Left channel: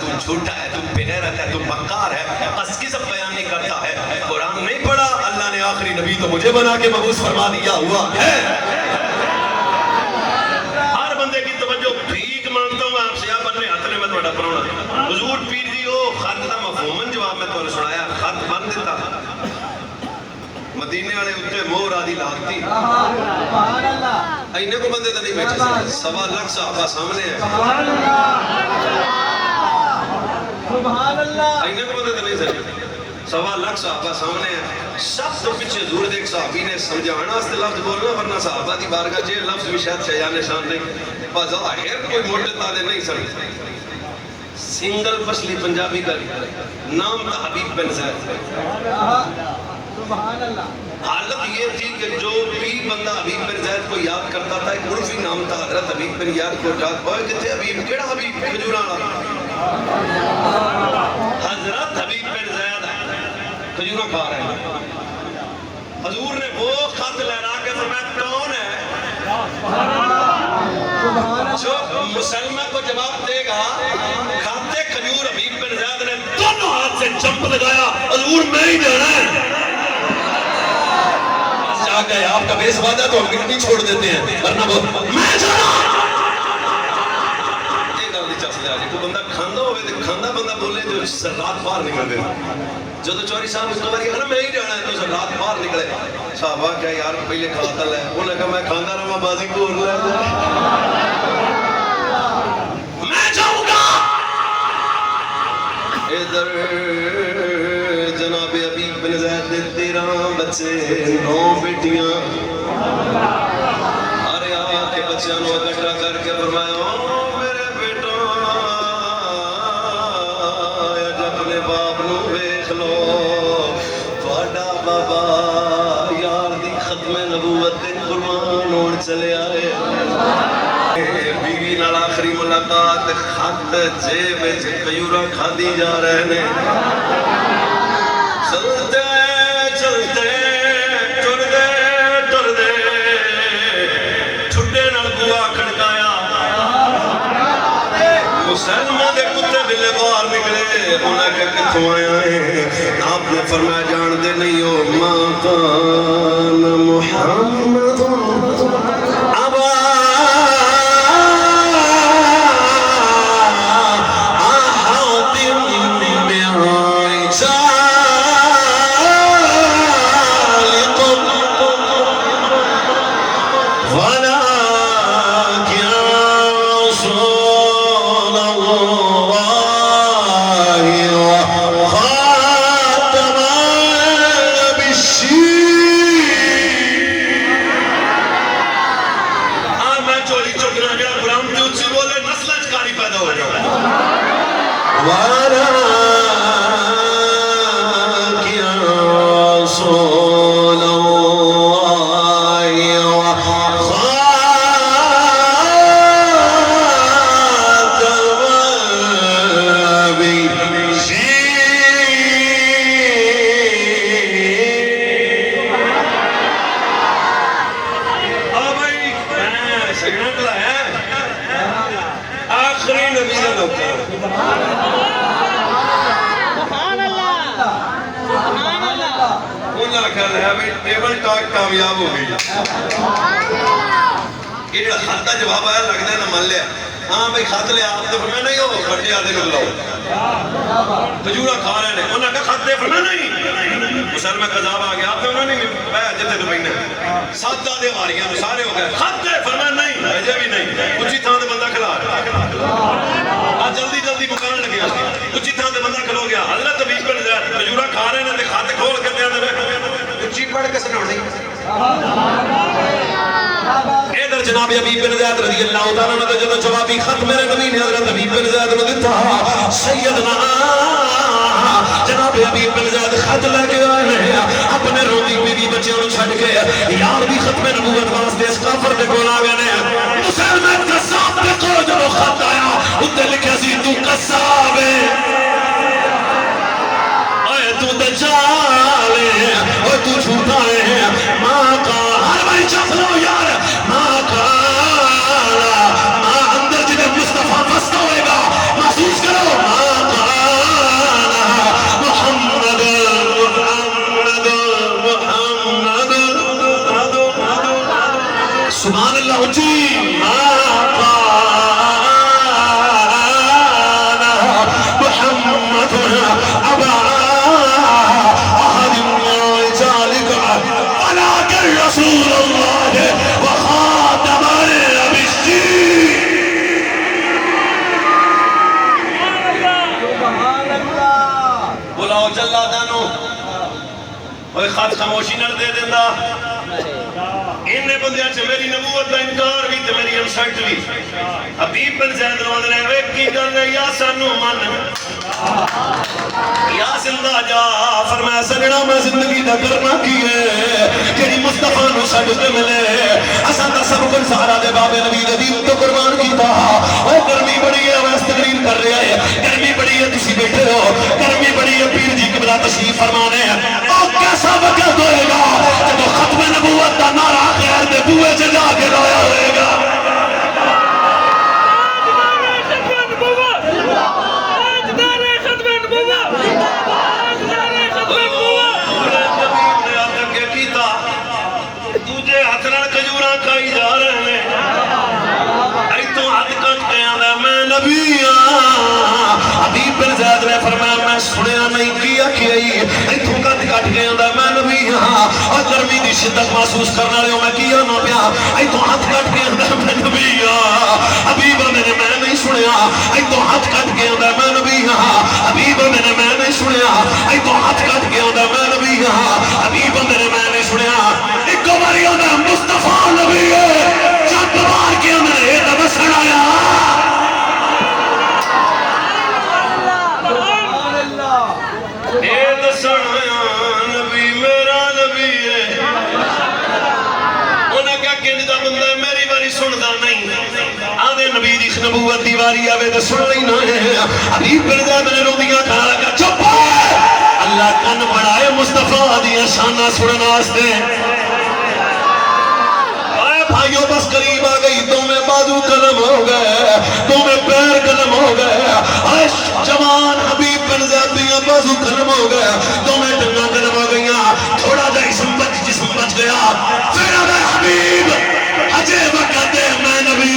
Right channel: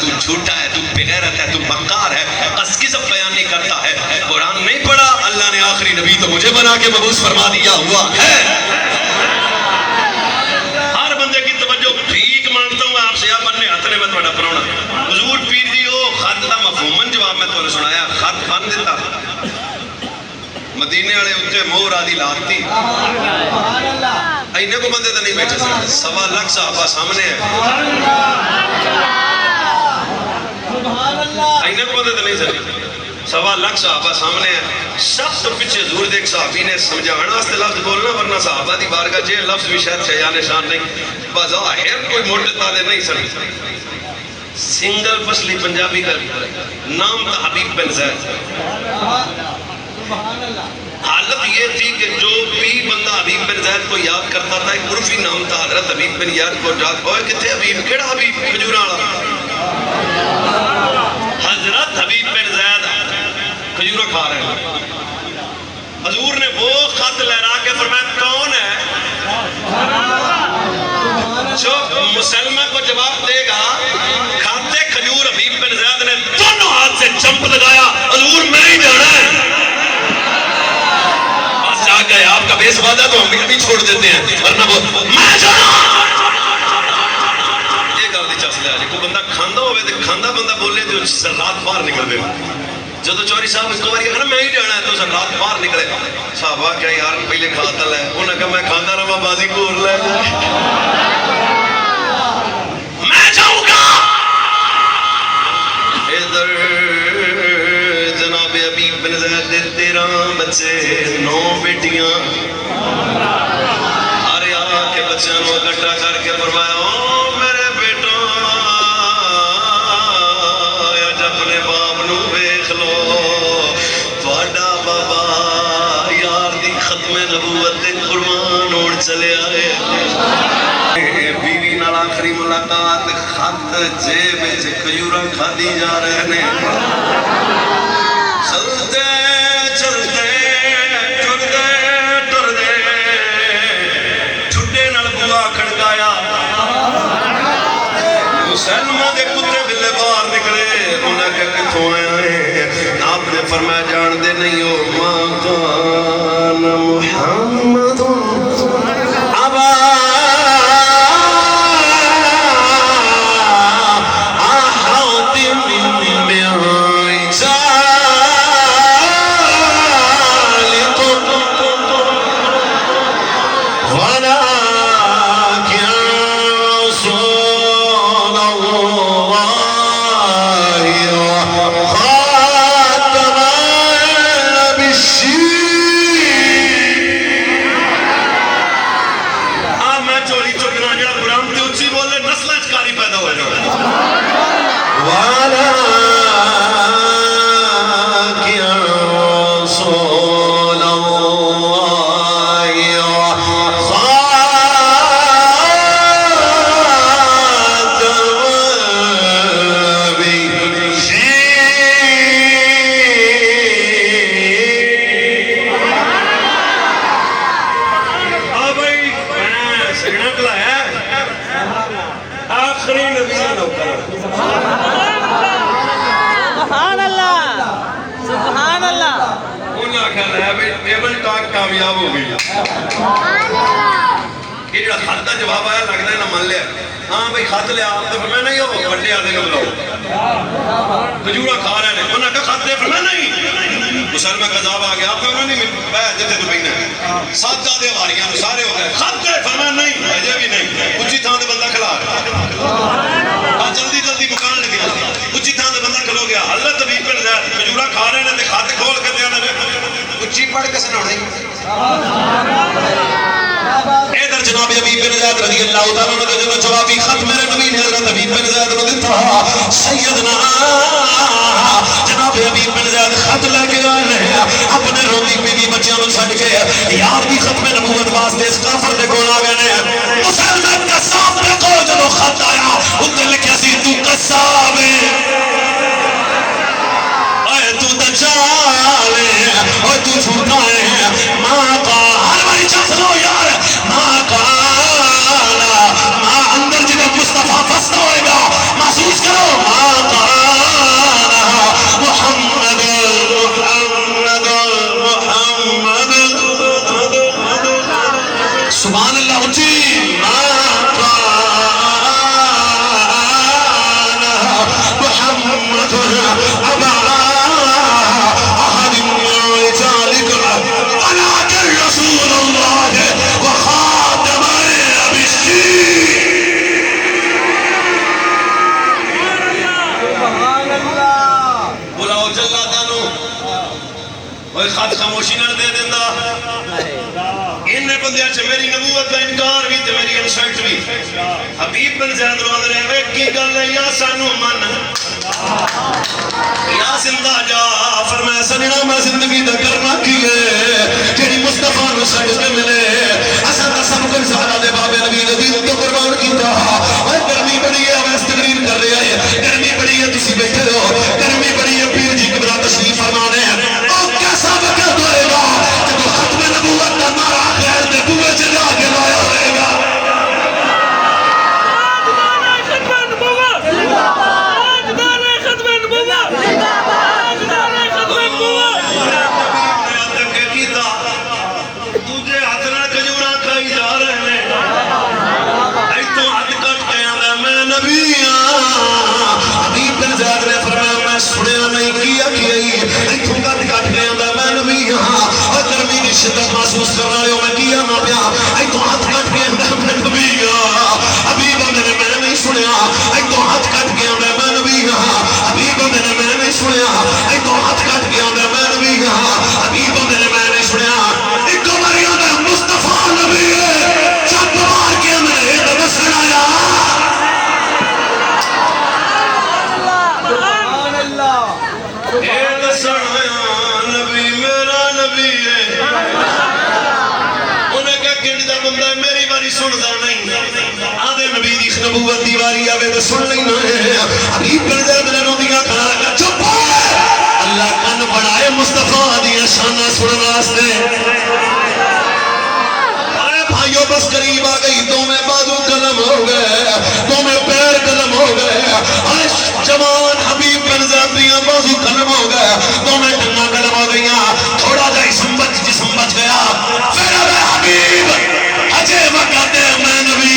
تو جھوٹا ہے، تو بغیرت ہے، تو مکار ہے، بس کذب بیان نہیں کرتا ہے، قرآن نہیں پڑھا، اللہ نے آخری نبی تو مجھے بنا کے مبعوث فرما دیا ہوا ہے۔ ہر بندے کی توجہ ٹھیک مانگتا ہوں آپ سے، آپ بننے ہتھنے میں توڑا پراؤنا حضور پیر دی او خط دا مفہومن جواب میں تو سنایا، خط بن دیتا مدینے والے اتنے مور آدھی لاتتی اینے کو بندے تو نہیں بیٹھے سکتے، 1.25 لاکھ صحابہ سامنے ہیں، اینے کو بندے تو نہیں سکتے، 1.25 لاکھ صحابہ سامنے ہیں، سب تو پیچھے حضور دے ایک صحابی نے سمجھانا واسطے لفظ بولنا، ورنہ صحابہ دی بارگاہ جے لفظ بھی شاید شیان شان نہیں، بظاہر کوئی موٹے تالے نہیں سنی، سنگل پسلی پنجابی کا نام تھا حبیب بن زید۔ حالت یہ تھی کہ جو بھی بندہ حبیب بن زید کو یاد کرتا تھا، ایک عرفی نام تھا حضرت حبیب بن یاد کو جات ہوئے کتھے حبیب، کیڑا حبیب؟ کھجورہ والا حضرت حبیب بن زید کھجورہ کھا رہے ہیں، حضور نے وہ خط لہرا کے فرمایا کون ہے جو مسلمہ کو جواب دے گا؟ کھاتے کھجور حبیب بن زید نے دونوں ہاتھ سے جمپ لگایا، حضور میں ہی جانا ہے، بس جا گئے، آپ کا بیس وعدہ تو ہم بھی چھوڑ دیتے ہیں، ورنہ وہ میں جانا یہ گل دی چاس لیا جی، کوئی بندہ کھاندہ ہوئے تو کھاندہ بندہ بولے تو رات باہر نکل دے، جدو چوری صاحب اس کو باری کہنا میں ہی جانا ہے تو سر رات باہر نکلے، صحابہ کیا یار پہلے کھاتا لے، انہوں نے کہا میں کھاندہ رہا بازی کو اور لے جائے، میں جاؤں گا ادھر جناب حبیب بن زید 13 بچے 9 بیٹیاں، ارے آ کے بچیاں نو اکٹھا کر کے فرمایا او میرے بیٹا اج اپنے باپ نو ویکھ لو، تہاڈا بابا یار دی ختم نبوت تے قربان ہون چلے آئے، بیوی نال آخری ملاقات، خط جیب وچ کھجورا کھادی جا رہے نے، چلتے چلتے ٹردے ٹردے ٹھڈے نال بوا کھڑکایا، مسلمہ دے کتے بلے باہر نکلے، انہیں کہ کتھوں آیا ہے؟ آپ نے فرمایا جان دے نہیں ہو، ما کان محمد ابا کامیاب ہو گئی، یہ جڑا خط کا جواب آیا لگتا ہے نہ من لیا، ہاں بھائی خط لیا آپ نے فرمایا نہیں ہو بڑے آدھے کو بلاؤ، کھجورا کھا رہے ہیں، انہوں نے کہا خط دے، فرمایا نہیں، مسلمہ کا جواب آ گیا، آپ نے نہیں بیٹھ جتے تو بہنے 7 آدھے واریاں سارے ہو گئے، خط دے، فرمایا نہیں، ایجے بھی نہیں، اچھی تھاں دے بندہ کھلا گیا، جلدی جلدی مکان لگیا، اچھی تھاں دے بندہ کھلو گیا، حضرت حبیب بن زید کھجورا کھا رہے ہیں، خط کھول کے دیا اچھی پڑھ کے سنانے، ادھر جناب حبیب بن زید رضی اللہ تعالیٰ نے جو جوابی خط میرے نبی نے حضرت حبیب بن زید نے دیتا، سیدنا جناب حبیب بن زید خط لے کے آئے اپنے روندی بیوی بچیاں نو چھڈ کے یار دی ختم نبوت واسطے اس کافر دے کول آ گئے نے، مسلمان قصاب دے کول جدوں خط آیا اوتے لکھیا سی تو قصاب ہے، اے تو دجال ہے، اور تو جھوٹا ہے، ماں کا ہر باری چاس لو یار، ماں کا اندر جنہیں مصطفیٰ فستا ہوئے گا محسوس کرو، وہ خط خاموشی نہ دے دینا ان بندیاں چ میری نبوت کا انکار بھی تے میری انسلٹ بھی حبیب بن زید روند نے وے کی گل ہے یا سانو من یا زندہ جا فرمایا سجنا میں زندگی دا کرنا کی ہے جڑی مصطفیٰ نو سج کے ملے اساں دا سب کچھ سارا دے بابے نبی دے دین تو قربان کیتا اے گرمی بڑی ہے اویس تقریر کر رہا ہے گرمی بڑی ہے تسی بیٹھے ہو گرمی بڑی ہے پیر جی قبلہ تشریف فرمانے او کیسا وقت ہوئے گا جب ختم نبوت دا نعرہ خیر دے بوئے چ جا کے لایا ہوئے گا میں سنیا نہیں کیا اتوں کٹ کٹ گیا میں نبی ہاں اور گرمی کی شدت محسوس کرنے والے میں کیا نہ پیا اتوں ہاتھ کٹ گیا میں نبی ہاں حبیب نے میں نہیں سنیا اتوں ہاتھ کٹ گیا میں نبی ہاں حبیب نے میں نہیں سنیا اتوں ہاتھ کٹ گیا میں نبی ہاں حبیب نے میں نہیں سنیا ایک باری مصطفیٰ نبی ہے چپ مار کے میں یہ دم سنایا نبی میرا نبی ہے انہیں کیا گنجدہ بندہ ہے میری باری سندا نہیں آدھے نبی دی نبوت دی باری آوے تو سن لینا ہے حبیب بن زید نے رومیا کہا لگا چپ اللہ کن بڑھائے مصطفیٰ دیا شانہ سننا سے بھائیو بس قریب آ گئی دو میں بازو قلم ہو گئے دو میں پیر قلم ہو گئے جوان حبیب بن زید دیاں بازو قلم ہو گئے دو میں ٹنگا قلم ہو گئیاں تھوڑا جا جسم بچ گیا پھر اب حبیب اجے وقت میں نبی